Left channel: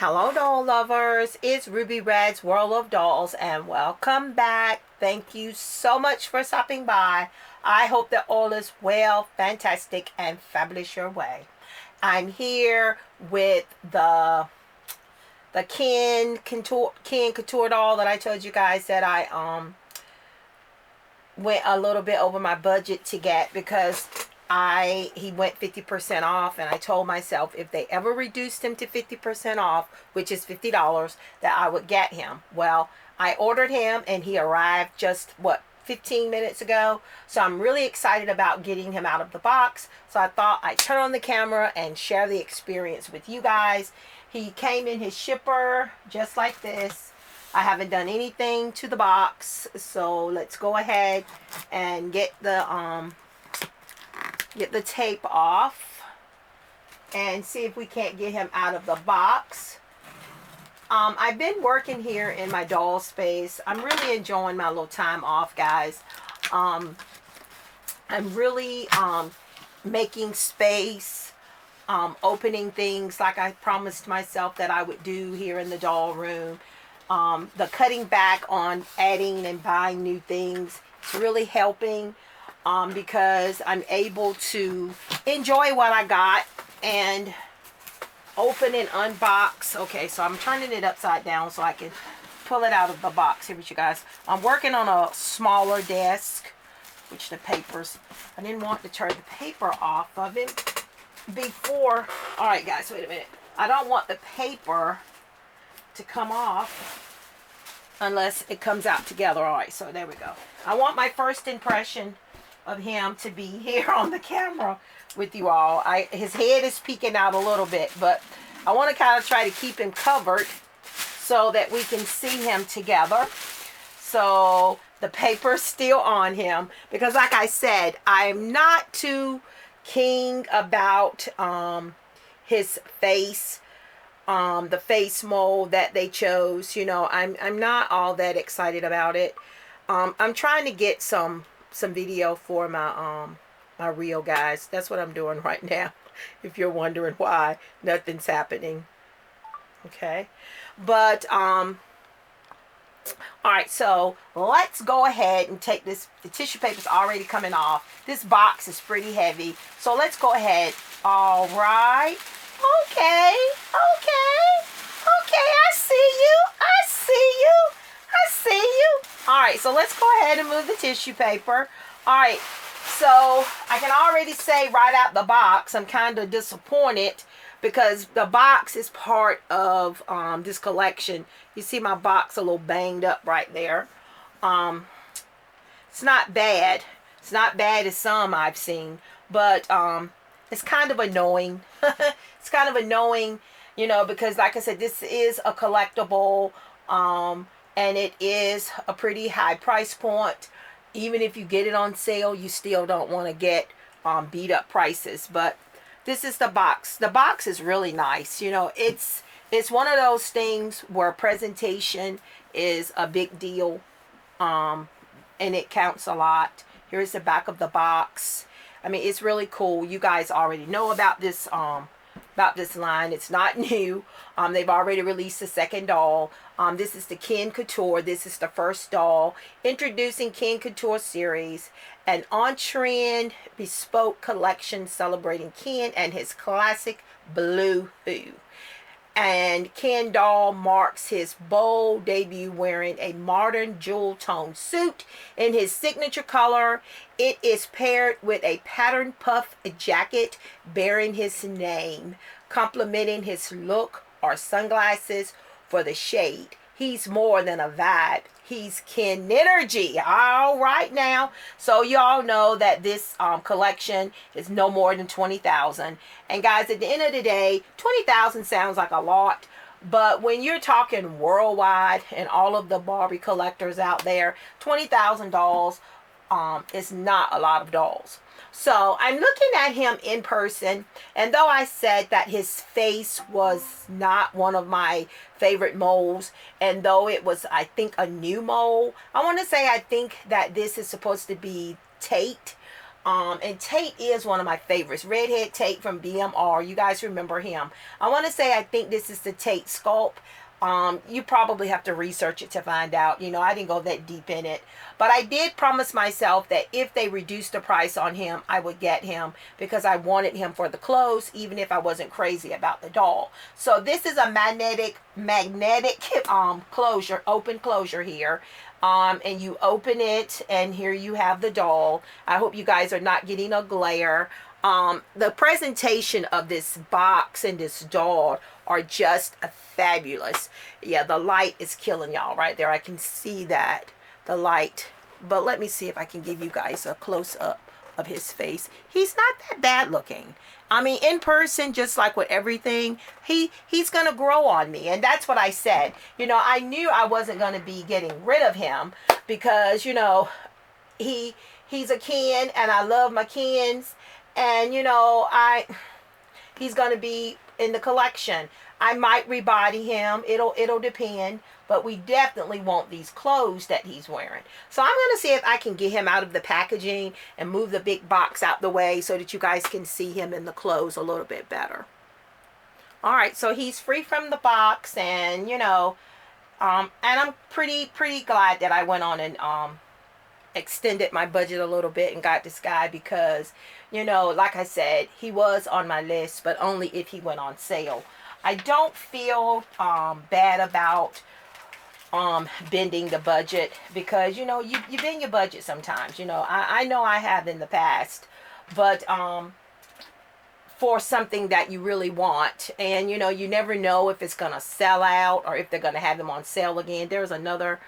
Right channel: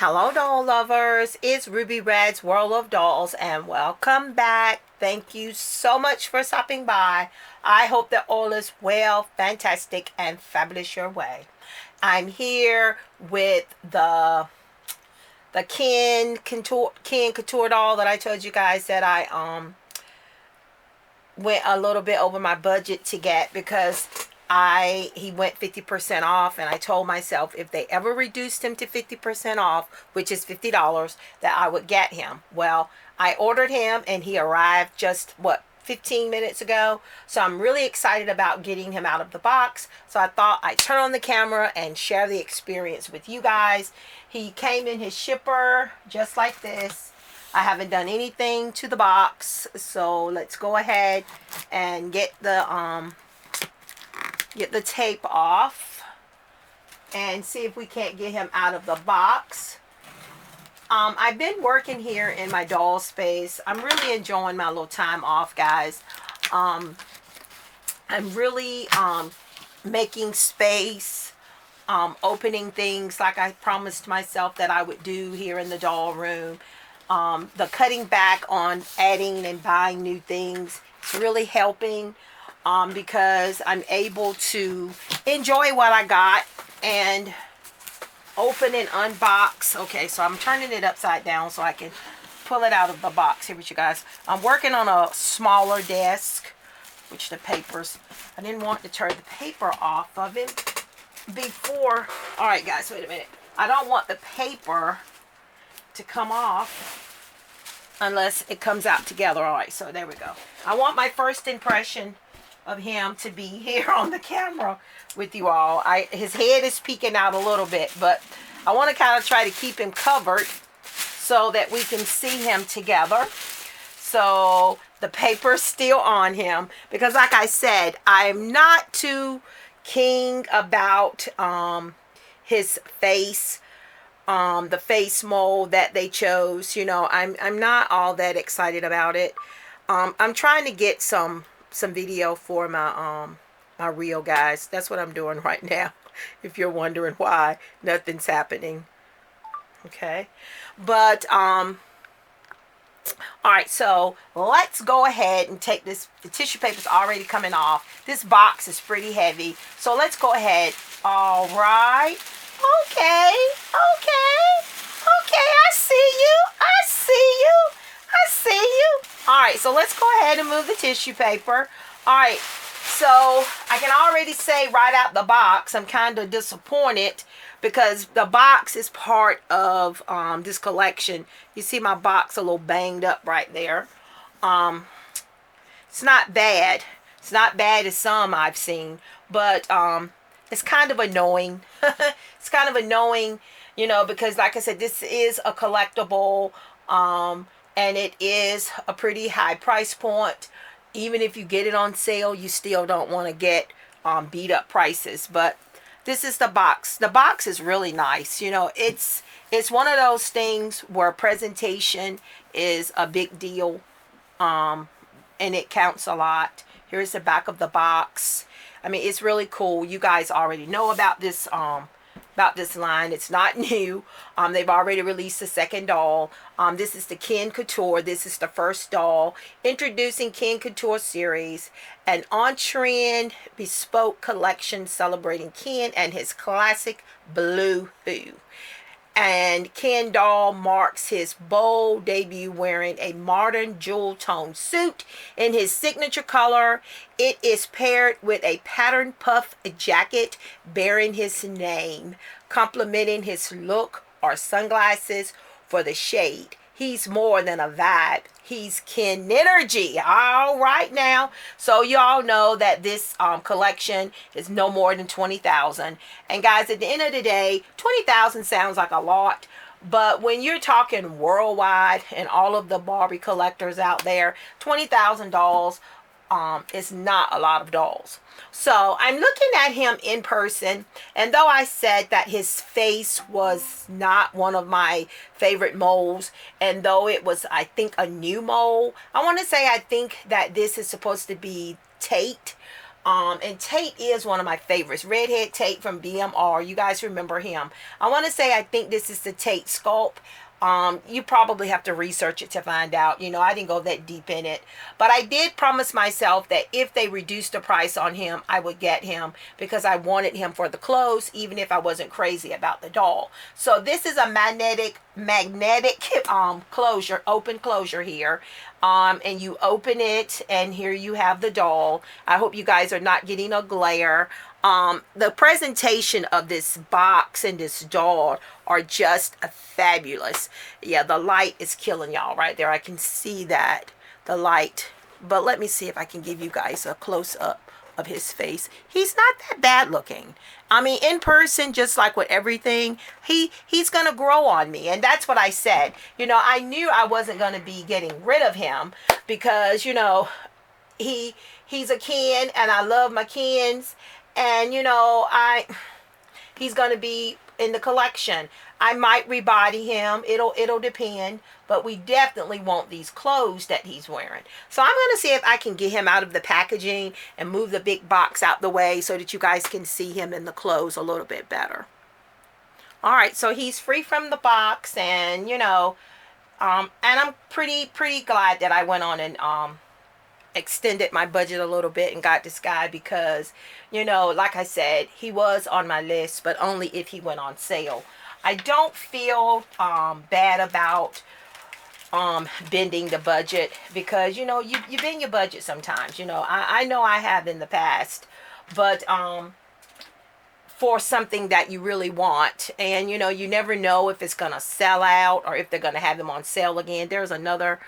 Hello doll lovers, it's Ruby Red's World of Dolls and welcome back. Thank you so much for stopping by. I hope that all is well, fantastic, and fabulous your way. I'm here with the Ken Couture doll that I told you guys that I went a little bit over my budget to get because he went 50% off, and I told myself if they ever reduced him to 50% off, which is $50, that I would get him. Well, I ordered him and he arrived just 15 minutes ago. So I'm really excited about getting him out of the box. So I thought I'd turn on the camera and share the experience with you guys. He came in his shipper just like this. I haven't done anything to the box, so let's go ahead and get the tape off and see if we can't get him out of the box. I've been working here in my doll space. I'm really enjoying my little time off, guys. I'm really making space, opening things like I promised myself that I would do here in the doll room. The cutting back on adding and buying new things, it's really helping. Because I'm able to enjoy what I got and open and unbox. Okay, so I'm turning it upside down so I can pull it out of the box here with you guys. I'm working on a smaller desk, which the papers, I didn't want to turn the paper off of it before. All right, guys, wait a minute. I don't want the paper to come off unless it comes out together. All right, so there we go. I want my first impression of him to be here on the camera with you all. His head is peeking out a little bit, but I want to kind of try to keep him covered so that we can see him together. So the paper's still on him because, like I said, I'm not too keen about his face, the face mold that they chose. You know, I'm not all that excited about it. I'm trying to get some video for my my reel, guys. That's what I'm doing right now, if you're wondering why nothing's happening. Okay, but all right, so let's go ahead and take this. The tissue paper's already coming off. This box is pretty heavy, so let's go ahead. All right, okay, I see you. All right, so let's go ahead and move the tissue paper. All right, so I can already say right out the box, I'm kind of disappointed because the box is part of this collection. You see my box a little banged up right there. It's not bad. It's not bad as some I've seen, but it's kind of annoying. It's kind of annoying, you know, because like I said, this is a collectible. And it is a pretty high price point. Even if you get it on sale, you still don't want to get beat up prices. But this is the box. The box is really nice. You know, it's one of those things where presentation is a big deal, and it counts a lot. Here's the back of the box. I mean, it's really cool. You guys already know about this line. It's not new. They've already released the second doll. This is the Ken Couture. This is the first doll. Introducing Ken Couture series, an on-trend bespoke collection celebrating Ken and his classic blue boo. And Ken doll marks his bold debut wearing a modern jewel tone suit in his signature color. It is paired with a patterned puff jacket bearing his name, complementing his look or sunglasses for the shade. He's more than a vibe. He's Ken energy. All right now. So y'all know that this collection is no more than $20,000. And guys, at the end of the day, $20,000 sounds like a lot. But when you're talking worldwide and all of the Barbie collectors out there, $20,000 is not a lot of dolls. So I'm looking at him in person, and though I said that his face was not one of my favorite molds, and though it was, I think, a new mold, I want to say I think that this is supposed to be Tate. And Tate is one of my favorites. Redhead Tate from BMR. You guys remember him. I want to say I think this is the Tate sculpt. You probably have to research it to find out. You know, I didn't go that deep in it. But I did promise myself that if they reduced the price on him, I would get him because I wanted him for the clothes, even if I wasn't crazy about the doll. So this is a magnetic closure, open closure here. And you open it, and here you have the doll. I hope you guys are not getting a glare. The presentation of this box and this doll are just fabulous. Yeah, the light is killing y'all right there. I can see that, the light. But let me see if I can give you guys a close-up of his face. He's not that bad looking. I mean, in person, just like with everything, he's going to grow on me. And that's what I said. You know, I knew I wasn't going to be getting rid of him because, you know, he's a Ken, and I love my Kens. And, you know, he's going to be in the collection. I might rebody him. It'll depend. But we definitely want these clothes that he's wearing. So I'm going to see if I can get him out of the packaging and move the big box out the way so that you guys can see him in the clothes a little bit better. All right, so he's free from the box, and, you know, and I'm pretty glad that I went on and extended my budget a little bit and got this guy because, you know, like I said, he was on my list, but only if he went on sale. I don't feel bad about bending the budget because, you know, you bend your budget sometimes. You know, I know I have in the past, but for something that you really want, and, you know, you never know if it's gonna sell out or if they're gonna have them on sale again. There's another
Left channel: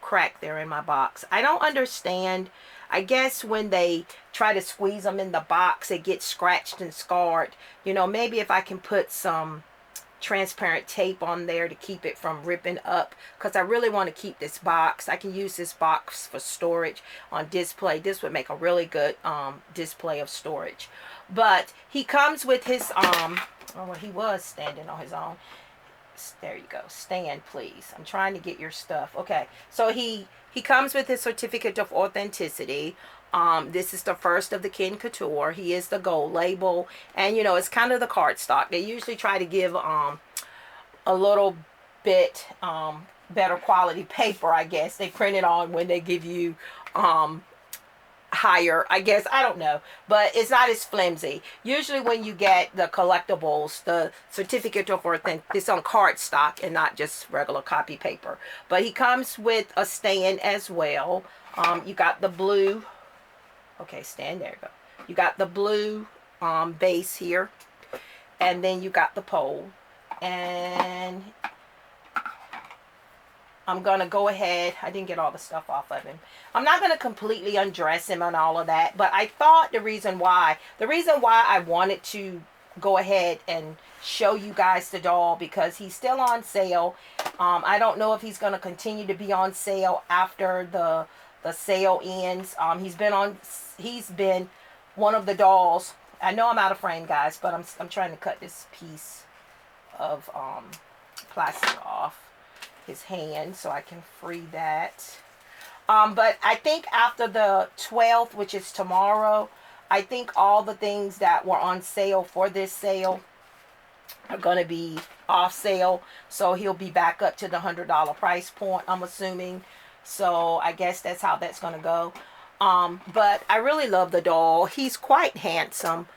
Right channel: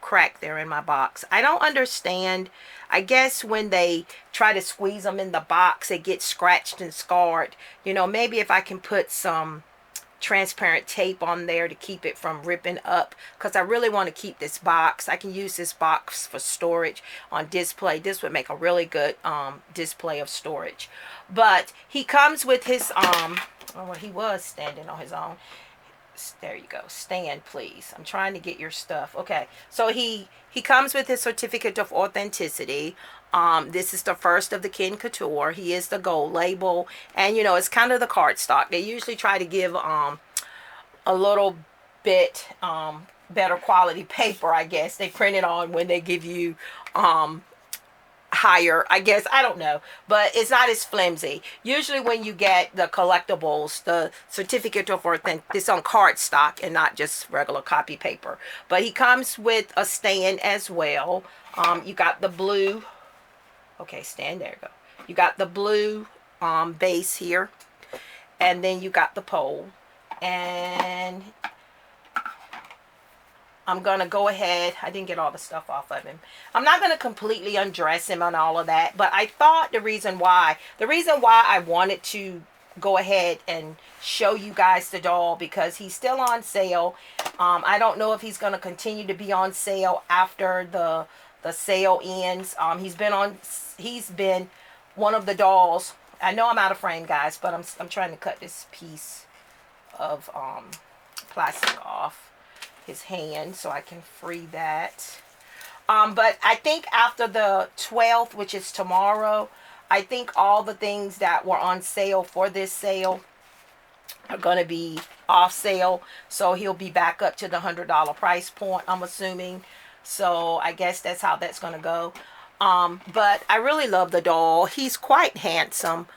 crack there in my box. I don't understand. I guess when they try to squeeze them in the box, it gets scratched and scarred. You know, maybe if I can put some transparent tape on there to keep it from ripping up, because I really want to keep this box. I can use this box for storage on display. This would make a really good display of storage. But he comes with his well, he was standing on his own. There you go. Stand, please. I'm trying to get your stuff. Okay, so he comes with his certificate of authenticity. This is the first of the Ken Couture. He is the gold label. And, you know, it's kind of the cardstock. They usually try to give a little bit better quality paper, I guess. They print it on when they give you higher, I guess. I don't know. But it's not as flimsy. Usually when you get the collectibles, the certificate of authenticity, it's on cardstock and not just regular copy paper. But he comes with a stand as well. You got the blue. Okay, stand there. Go. You got the blue base here, and then you got the pole. And I'm gonna go ahead. I didn't get all the stuff off of him. I'm not gonna completely undress him and all of that, but I thought the reason why I wanted to go ahead and show you guys the doll because he's still on sale. I don't know if he's gonna continue to be on sale after the sale ends. He's been one of the dolls. I know I'm out of frame, guys, but I'm trying to cut this piece of plastic off his hand so I can free that. But I think after the 12th, which is tomorrow, I think all the things that were on sale for this sale are going to be off sale. So he'll be back up to the $100 price point, I'm assuming. So I guess that's how that's going to go. But I really love the doll. He's quite handsome.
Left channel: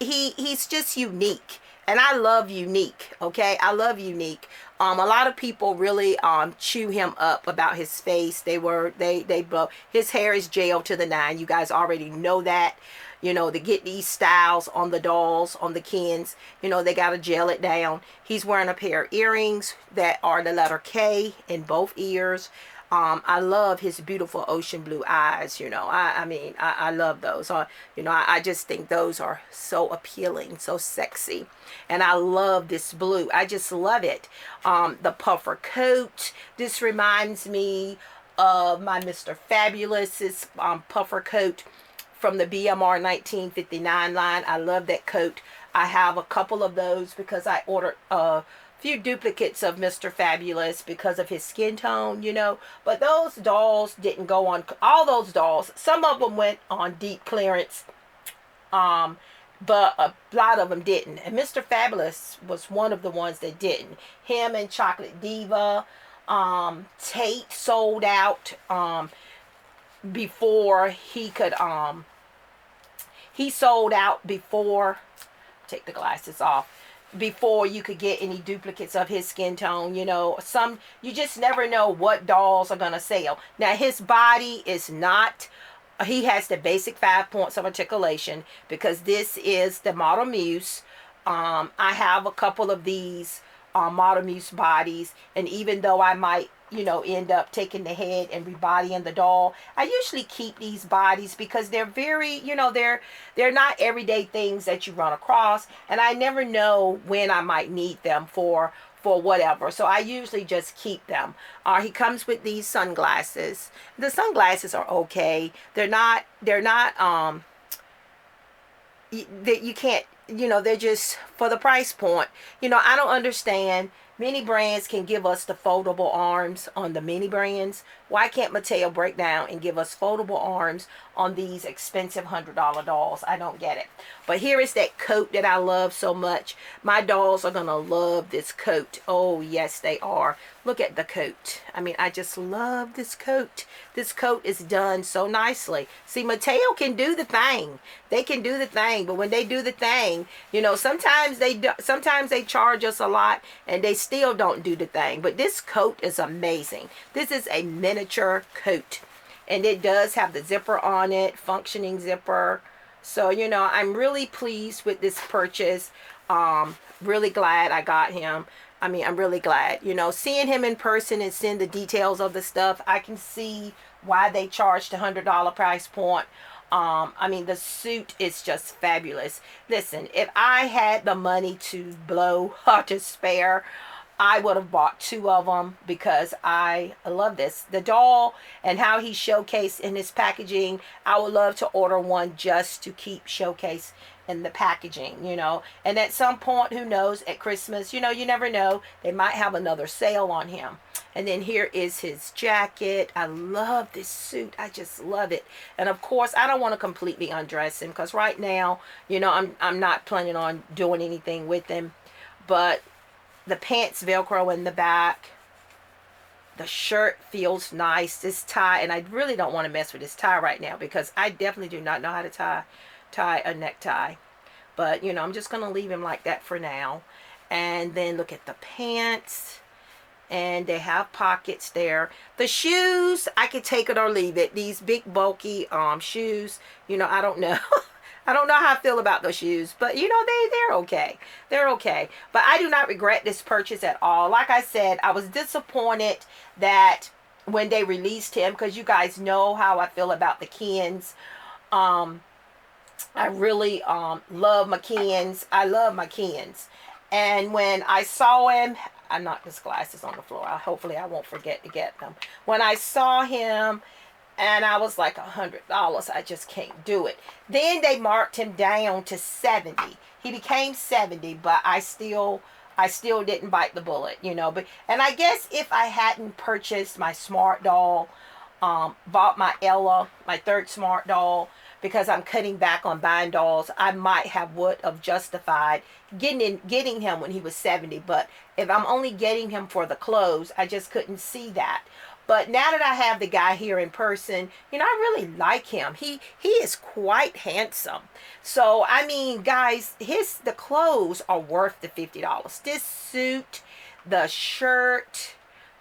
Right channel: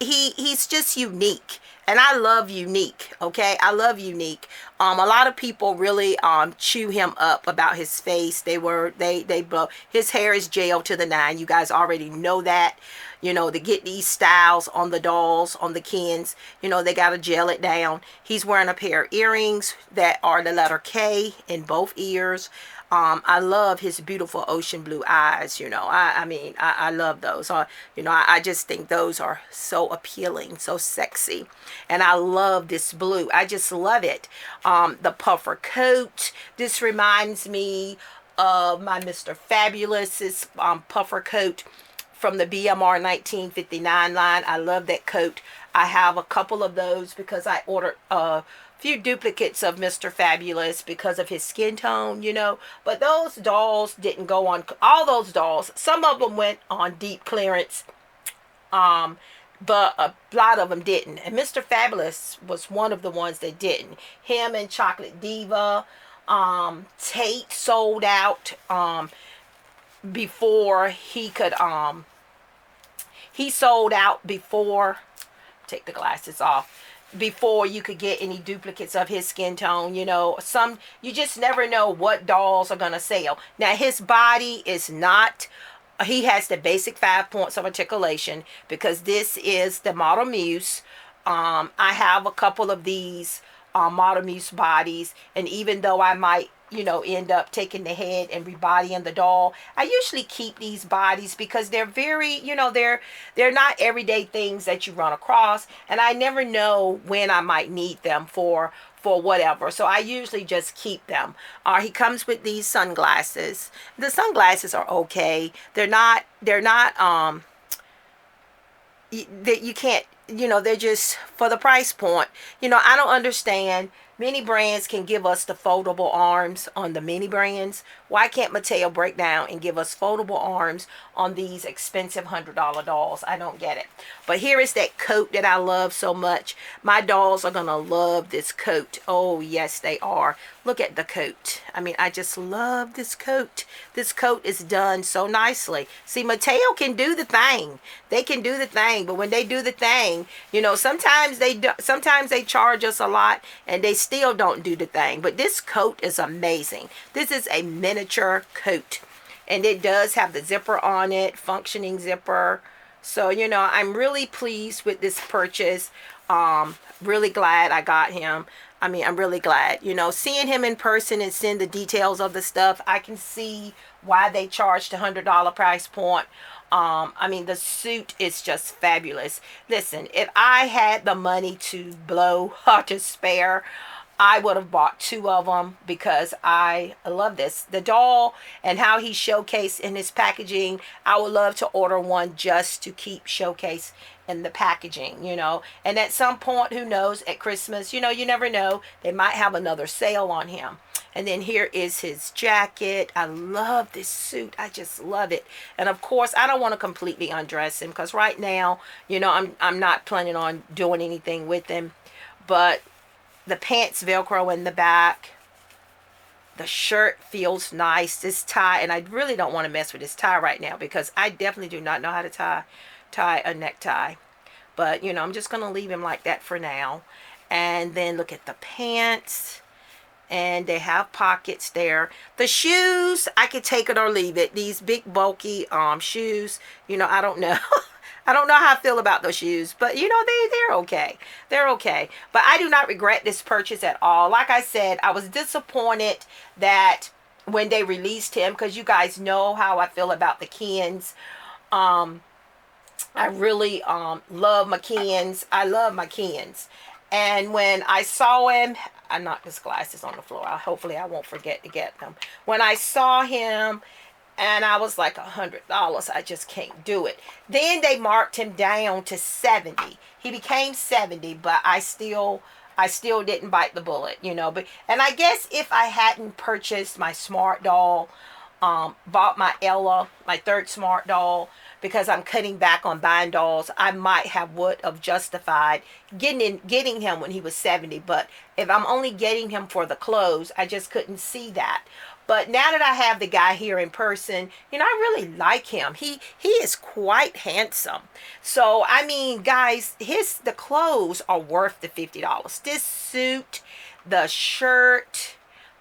He's just unique. And I love unique, okay? I love unique. A lot of people really chew him up about his face. They blow. His hair is gel to the 9. You guys already know that. You know, to get these styles on the dolls, on the Kens, you know, they got to gel it down. He's wearing a pair of earrings that are the letter K in both ears. I love his beautiful ocean blue eyes. You know, I love those. You know, I just think those are so appealing, so sexy. And I love this blue. I just love it. The puffer coat. This reminds me of my Mr. Fabulous's puffer coat from the BMR 1959 line. I love that coat. I have a couple of those because I ordered a few duplicates of Mr. Fabulous because of his skin tone, you know. But those dolls didn't go on, all those dolls, some of them went on deep clearance, but a lot of them didn't. And Mr. Fabulous was one of the ones that didn't. Him and Chocolate Diva, Tate sold out before he could, he sold out before, take the glasses off, before you could get any duplicates of his skin tone. You know, some, you just never know what dolls are gonna sell. Now his body is not, he has the basic 5 points of articulation because this is the Model Muse. I have a couple of these Model Muse bodies, and even though I might, you know, end up taking the head and rebodying the doll, I usually keep these bodies because they're very, you know, they're not everyday things that you run across, and I never know when I might need them for whatever. So I usually just keep them. He comes with these sunglasses. The sunglasses are okay. They're not you can't, you know, they're just for the price point. You know, I don't understand. Many brands can give us the foldable arms on the mini brands. Why can't Mattel break down and give us foldable arms on these expensive $100 dolls? I don't get it. But here is that coat that I love so much. My dolls are going to love this coat. Oh, yes, they are. Look at the coat. I mean, I just love this coat. This coat is done so nicely. See, Mattel can do the thing. They can do the thing. But when they do the thing, you know, sometimes they charge us a lot and they still don't do the thing. But this coat is amazing. This is a miniature coat. And it does have the zipper on it, functioning zipper. So, you know, I'm really pleased with this purchase. Really glad I got him. I mean, I'm really glad. You know, seeing him in person and seeing the details of the stuff, I can see why they charged a $100 price point. I mean, the suit is just fabulous. Listen, if I had the money to blow or to spare, I would have bought 2 of them because I love this. The doll and how he showcased in his packaging, I would love to order one just to keep showcase in the packaging, you know. And at some point, who knows, at Christmas, you know, you never know, they might have another sale on him. And then here is his jacket. I love this suit. I just love it. And of course, I don't want to completely undress him because right now, you know, I'm not planning on doing anything with him. But the pants Velcro in the back. The shirt feels nice. This tie, and I really don't want to mess with this tie right now because I definitely do not know how to tie a necktie. But, you know, I'm just going to leave him like that for now. And then look at the pants. And they have pockets there. The shoes, I could take it or leave it. These big bulky shoes, you know, I don't know. I don't know how I feel about those shoes, but you know, they're okay. They're okay. But I do not regret this purchase at all. Like I said, I was disappointed that when they released him, because you guys know how I feel about the Kens. I really love my Kens. I love my Kens. And when I saw him, I knocked his glasses on the floor. Hopefully I won't forget to get them. When I saw him, and I was like, $100, I just can't do it. Then they marked him down to 70. He became 70, but I still didn't bite the bullet, you know. But and I guess if I hadn't purchased my smart doll, bought my Ella, my third smart doll, because I'm cutting back on buying dolls, I might would have justified getting him when he was 70. But if I'm only getting him for the clothes, I just couldn't see that. But now that I have the guy here in person, you know, I really like him. He is quite handsome. So, I mean, guys, the clothes are worth the $50. This suit, the shirt,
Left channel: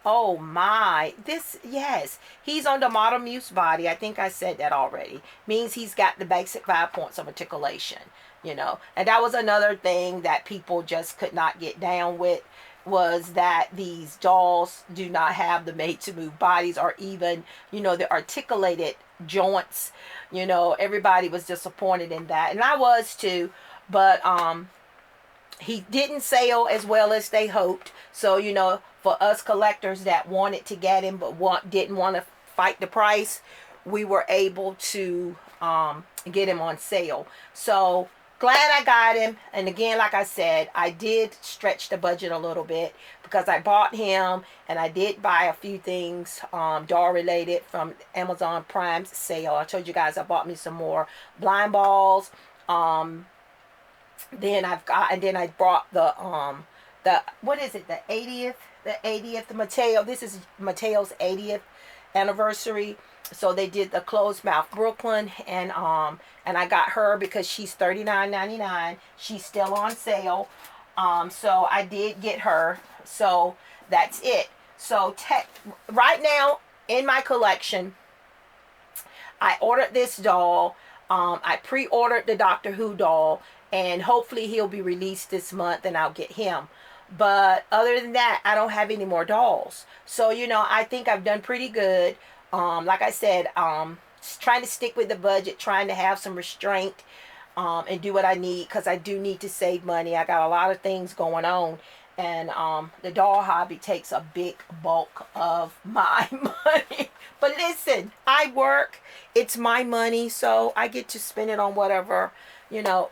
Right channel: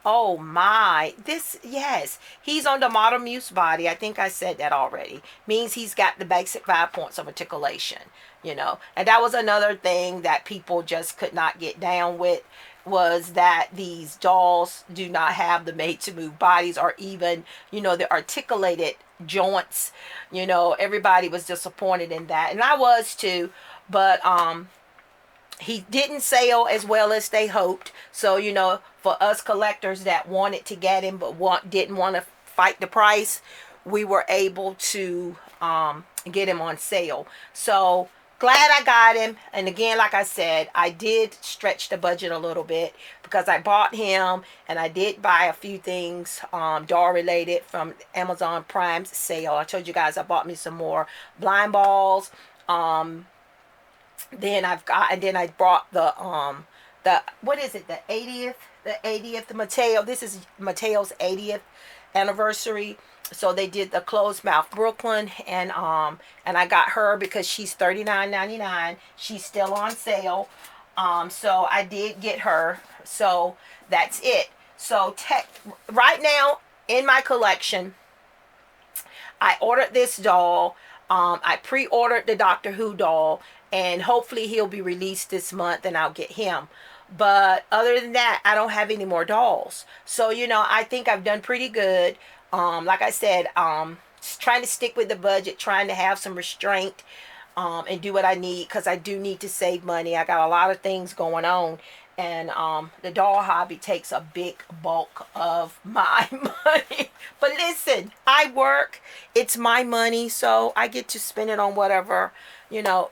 oh my, yes, he's on the Model Muse body. I think I said that already. Means he's got the basic 5 points of articulation, you know. And that was another thing that people just could not get down with, was that these dolls do not have the made-to-move bodies or even, you know, the articulated joints. You know, everybody was disappointed in that. And I was too. But he didn't sell as well as they hoped. So, you know, for us collectors that wanted to get him but didn't want to fight the price, we were able to get him on sale. So glad I got him. And again, like I said, I did stretch the budget a little bit because I bought him and I did buy a few things doll related from Amazon Prime's sale. I told you guys I bought me some more blind balls. Um, then I brought the what is it, the 80th Mateo. This is Mateo's 80th anniversary. So they did the closed mouth Brooklyn, and I got her because she's $39.99. She's still on sale. So I did get her. So that's it. So right now in my collection, I ordered this doll. I pre-ordered the Doctor Who doll, and hopefully he'll be released this month, and I'll get him. But other than that, I don't have any more dolls. So I think I've done pretty good. Like I said, trying to stick with the budget, trying to have some restraint, and do what I need because I do need to save money. I got a lot of things going on, and the doll hobby takes a big bulk of my money. But listen, I work, it's my money, so I get to spend it on whatever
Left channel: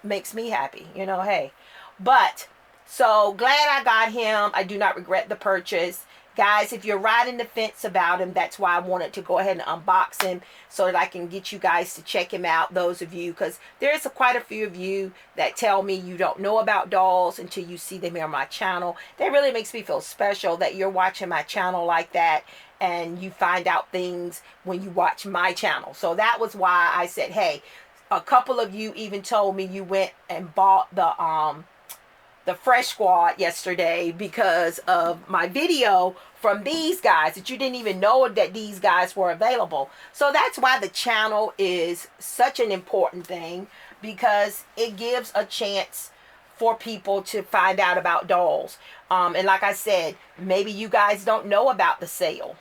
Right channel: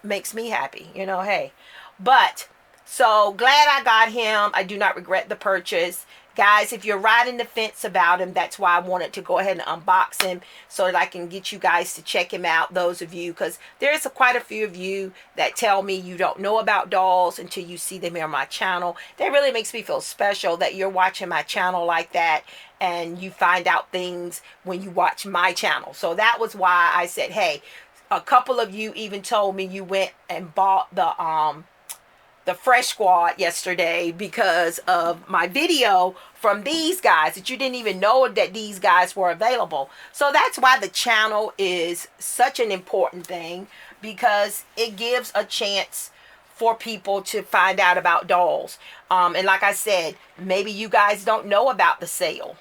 makes me happy. Hey. But so glad I got him. I do not regret the purchase. Guys, if you're riding the fence about him, that's why I wanted to go ahead and unbox him so that I can get you guys to check him out, those of you, because there's quite a few of you that tell me you don't know about dolls until you see them here on my channel. That really makes me feel special that you're watching my channel like that, and you find out things when you watch my channel. So that was why I said, hey, a couple of you even told me you went and bought the Fresh Squad yesterday because of my video from these guys, that you didn't even know that these guys were available. So that's why the channel is such an important thing, because it gives a chance for people to find out about dolls. And like I said, maybe you guys don't know about the sale.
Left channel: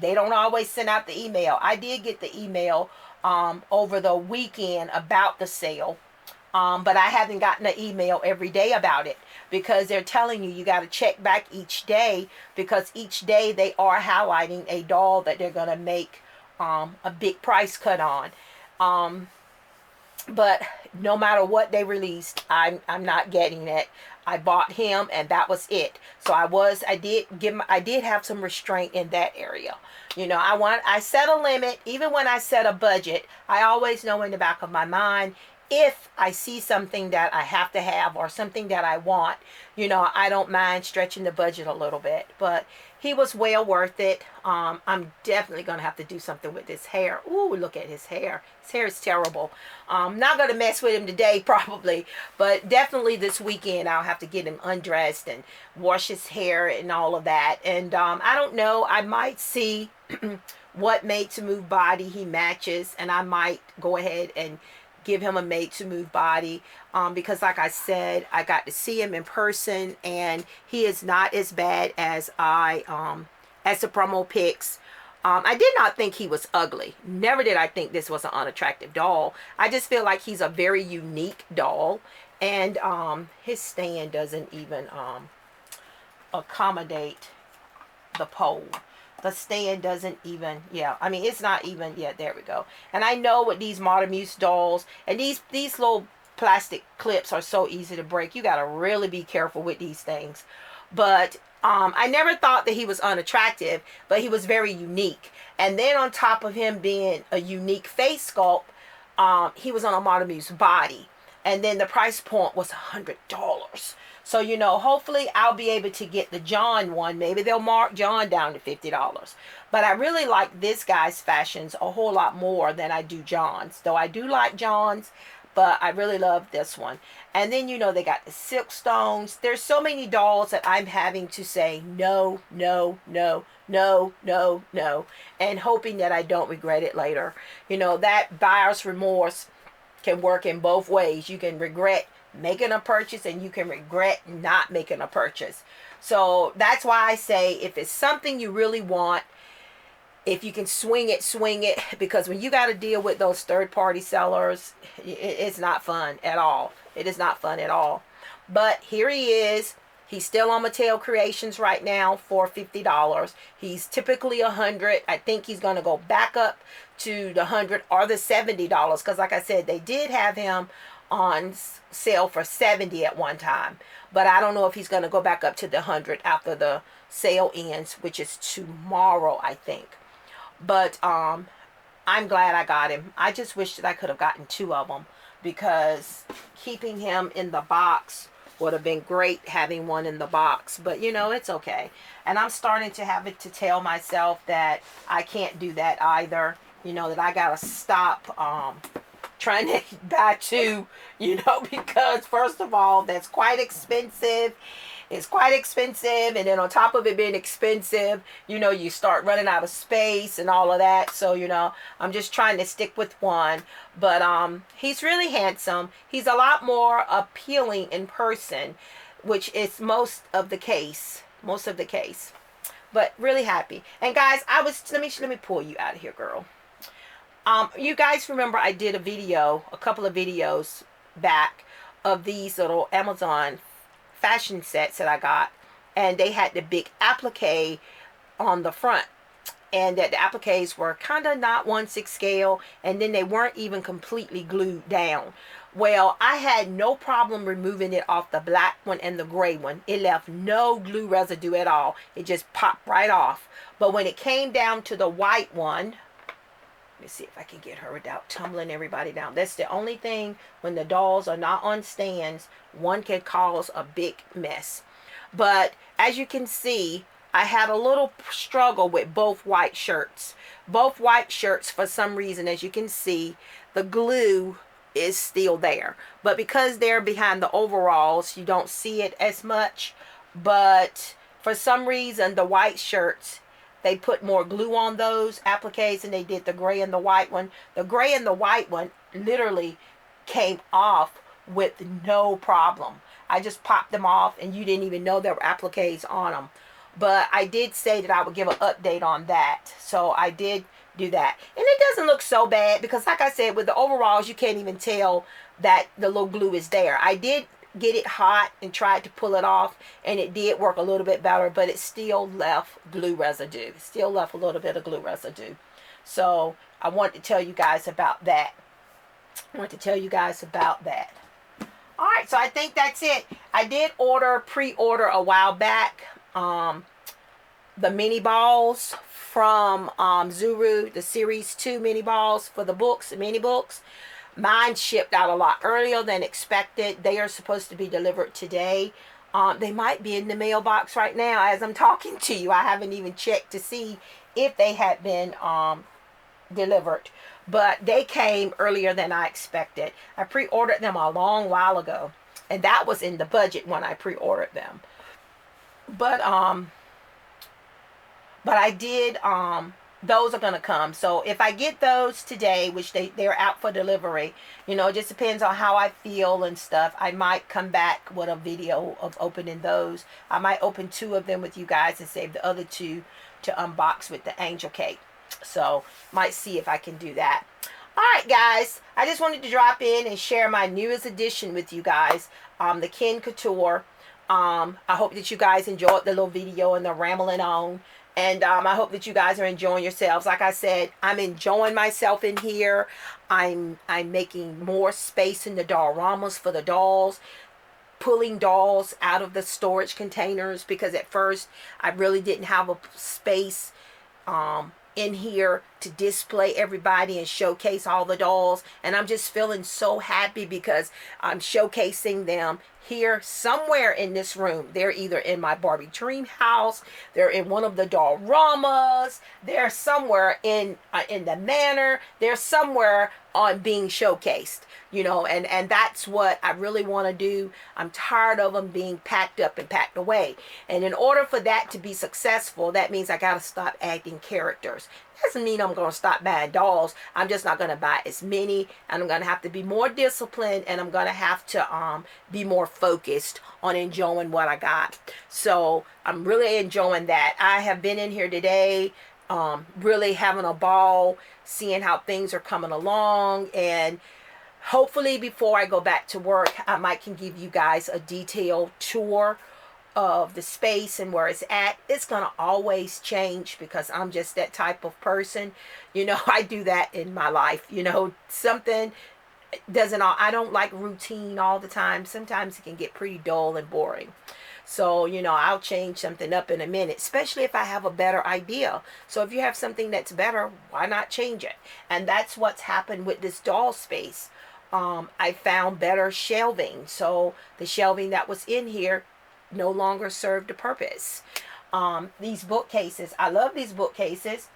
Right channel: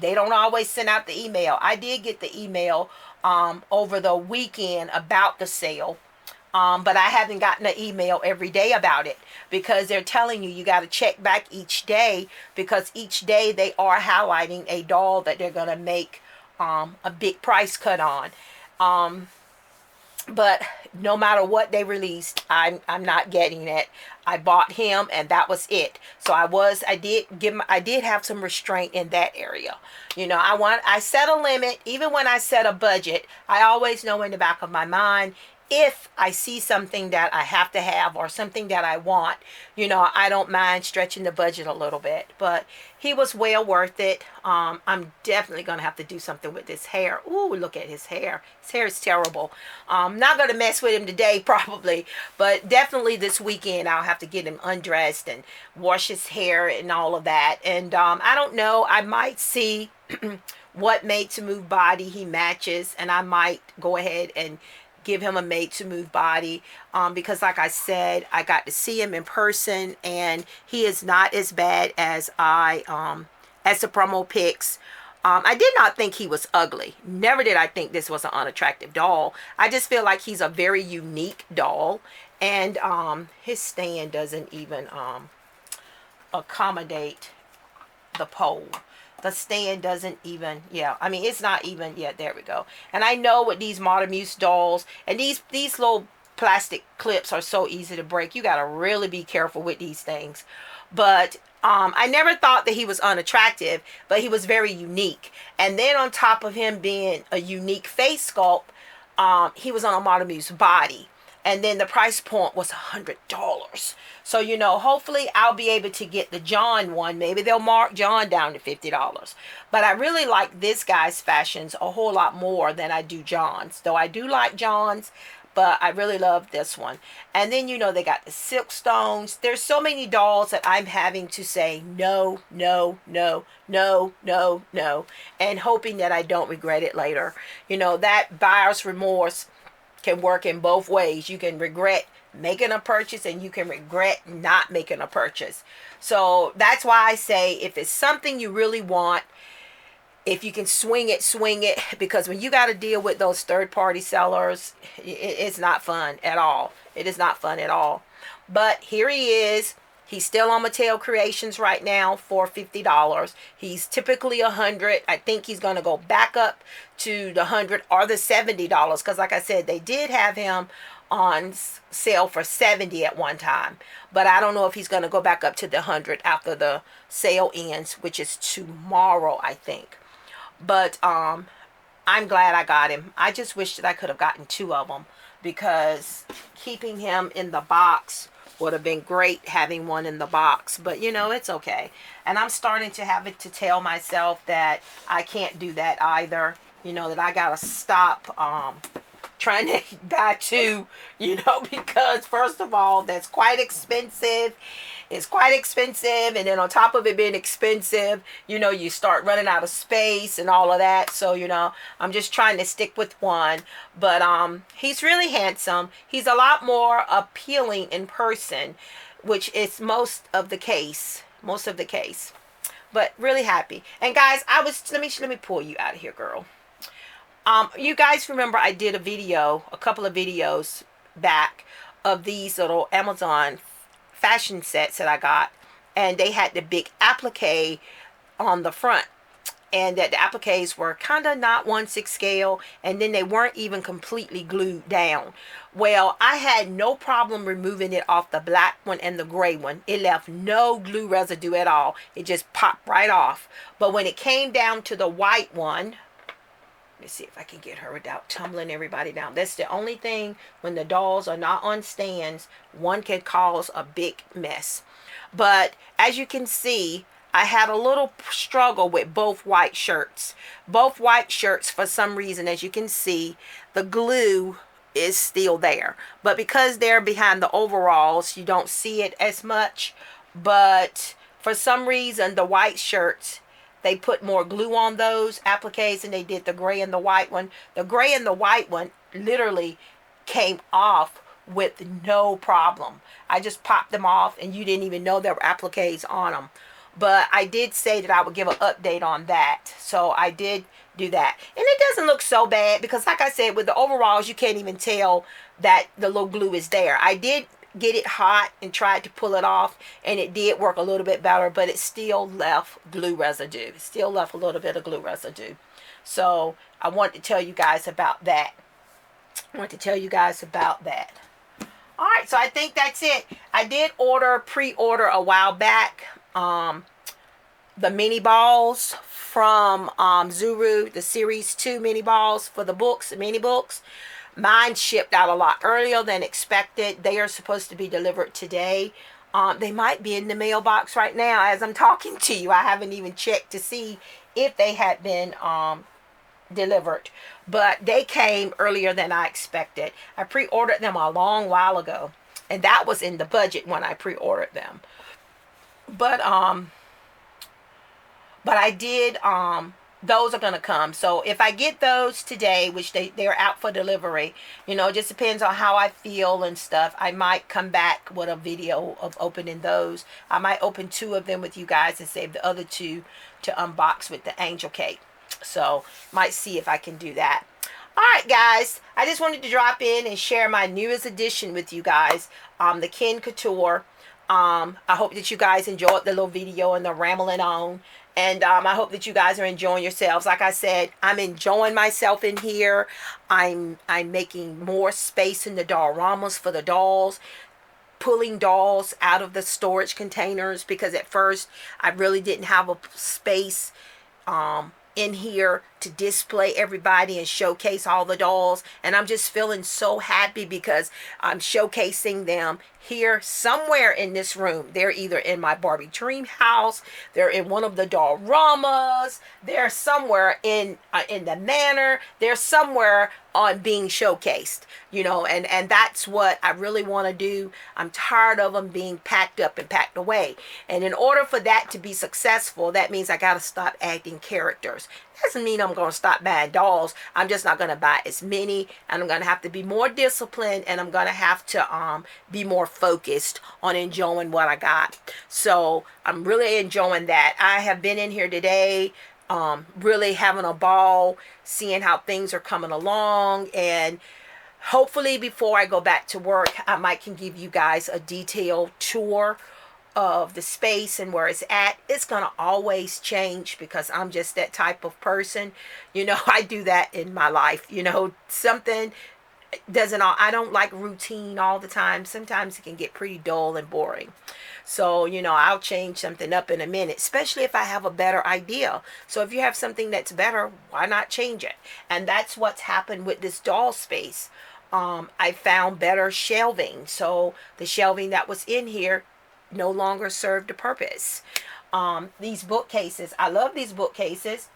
They don't always send out the email. I did get the email over the weekend about the sale. But I haven't gotten an email every day about it, because they're telling you got to check back each day, because each day they are highlighting a doll that they're going to make a big price cut on. But no matter what they released, I'm not getting it. I bought him, and that was it. So I did have some restraint in that area. I set a limit. Even when I set a budget, I always know in the back of my mind, if I see something that I have to have or something that I want, I don't mind stretching the budget a little bit. But he was well worth it. I'm definitely going to have to do something with his hair. Ooh, look at his hair. His hair is terrible. I'm not going to mess with him today probably, but definitely this weekend I'll have to get him undressed and wash his hair and all of that. And I don't know, I might see what Made to Move body he matches, and I might go ahead and give him a Made to Move body, because like I said, I got to see him in person, and he is not as bad as as the promo pics. I did not think he was ugly. Never did I think this was an unattractive doll. I just feel like he's a very unique doll, and his stand doesn't even accommodate the pole. The stand doesn't even, I mean, it's not even, there we go. And I know with these Modern Muse dolls, and these little plastic clips are so easy to break. You got to really be careful with these things. But I never thought that he was unattractive, but he was very unique. And then on top of him being a unique face sculpt, he was on a Modern Muse body. And then the price point was $100. So, hopefully I'll be able to get the John one. Maybe they'll mark John down to $50. But I really like this guy's fashions a whole lot more than I do John's. Though I do like John's, but I really love this one. And then, they got the silk stones. There's so many dolls that I'm having to say no, no, no, no, no, no, and hoping that I don't regret it later. That buyer's remorse can work in both ways. You can regret making a purchase, and you can regret not making a purchase. So that's why I say, if it's something you really want, if you can swing it, because when you got to deal with those third-party sellers, it's not fun at all. It is not fun at all. But here he is. He's still on Mattel Creations right now for $50. He's typically $100. I think he's going to go back up to the $100 or the $70, because like I said, they did have him on sale for 70 at one time. But I don't know if he's going to go back up to the 100 after the sale ends, which is tomorrow, I think. But I'm glad I got him. I just wish that I could have gotten 2 of them, because keeping him in the box would have been great, having one in the box. But you know, it's okay. And I'm starting to have it to tell myself that I can't do that either. You know, that I gotta stop trying to buy 2, you know, because first of all, that's quite expensive. It's quite expensive, and then on top of it being expensive, you know, you start running out of space and all of that. So, you know, I'm just trying to stick with one. But he's really handsome. He's a lot more appealing in person, which is most of the case. Most of the case. But really happy. And guys, let me pull you out of here, girl. You guys remember I did a couple of videos back of these little Amazon fashion sets that I got, and they had the big applique on the front, and that the appliques were kind of not 1/6 scale, and then they weren't even completely glued down. Well, I had no problem removing it off the black one and the gray one. It left no glue residue at all. It just popped right off. But when it came down to the white one, let me see if I can get her without tumbling everybody down. That's the only thing, when the dolls are not on stands, one can cause a big mess. But as you can see, I had a little struggle with both white shirts. Both white shirts, for some reason, as you can see, the glue is still there. But because they're behind the overalls, you don't see it as much. But for some reason, the white shirts, they put more glue on those appliques than they did the gray and the white one. The gray and the white one literally came off with no problem. I just popped them off, and you didn't even know there were appliques on them. But I did say that I would give an update on that. So I did do that. And it doesn't look so bad, because like I said, with the overalls, you can't even tell that the little glue is there. I did get it hot and tried to pull it off, and it did work a little bit better, but it still left glue residue. It still left a little bit of glue residue. So I want to tell you guys about that. All right, so I think that's it. I did pre-order a while back the mini balls from Zuru, the series 2 mini balls for the books, the mini books. Mine shipped out a lot earlier than expected. They are supposed to be delivered today. They might be in the mailbox right now as I'm talking to you. I haven't even checked to see if they had been delivered. But they came earlier than I expected. I pre-ordered them a long while ago, and that was in the budget when I pre-ordered them. But I did those are going to come. So if I get those today, which they're out for delivery, you know, it just depends on how I feel and stuff. I might come back with a video of opening those. I might open 2 of them with you guys and save the other 2 to unbox with the angel cake. So might see if I can do that. All right, guys, I just wanted to drop in and share my newest addition with you guys, the Ken Couture. I hope that you guys enjoyed the little video and the rambling on. And I hope that you guys are enjoying yourselves. Like I said, I'm enjoying myself in here. I'm making more space in the dollramas for the dolls. Pulling dolls out of the storage containers, because at first I really didn't have a space in here to display everybody and showcase all the dolls. And I'm just feeling so happy because I'm showcasing them here somewhere in this room. They're either in my Barbie dream house, they're in one of the dollramas, they're somewhere in the manor, they're somewhere on being showcased, you know, and that's what I really want to do. I'm tired of them being packed up and packed away. And in order for that to be successful, that means I got to stop adding characters. Doesn't mean I'm going to stop buying dolls. I'm just not going to buy as many, and I'm going to have to be more disciplined, and I'm going to have to be more focused on enjoying what I got. So I'm really enjoying that. I have been in here today, really having a ball, seeing how things are coming along, and hopefully before I go back to work, I might can give you guys a detailed tour of the space and where it's at. It's gonna always change because I'm just that type of person. You know, I do that in my life. You know, something doesn't all, I don't like routine all the time. Sometimes it can get pretty dull and boring. So, you know, I'll change something up in a minute, especially if I have a better idea. So if you have something that's better, why not change it? And that's what's happened with this doll space. I found better shelving. So the shelving that was in here no longer served a purpose. These bookcases, I love these bookcases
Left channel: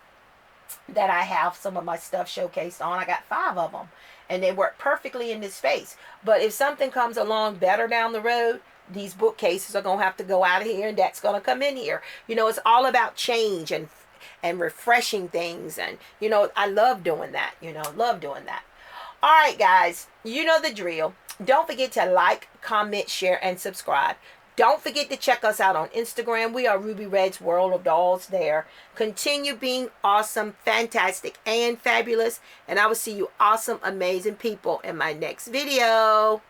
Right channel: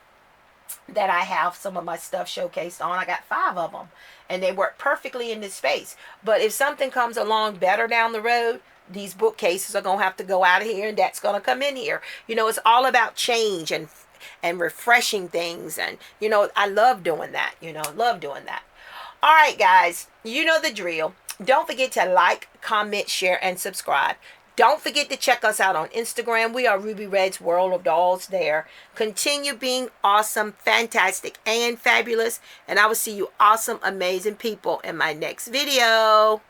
that I have some of my stuff showcased on. I got 5 of them, and they work perfectly in this space. But if something comes along better down the road, these bookcases are going to have to go out of here, and that's going to come in here. You know, it's all about change and refreshing things. And, you know, I love doing that. You know, love doing that. All right, guys, you know the drill. Don't forget to like, comment, share, and subscribe. Don't forget to check us out on Instagram. We are Ruby Red's World of Dolls there. Continue being awesome, fantastic, and fabulous. And I will see you awesome, amazing people in my next video.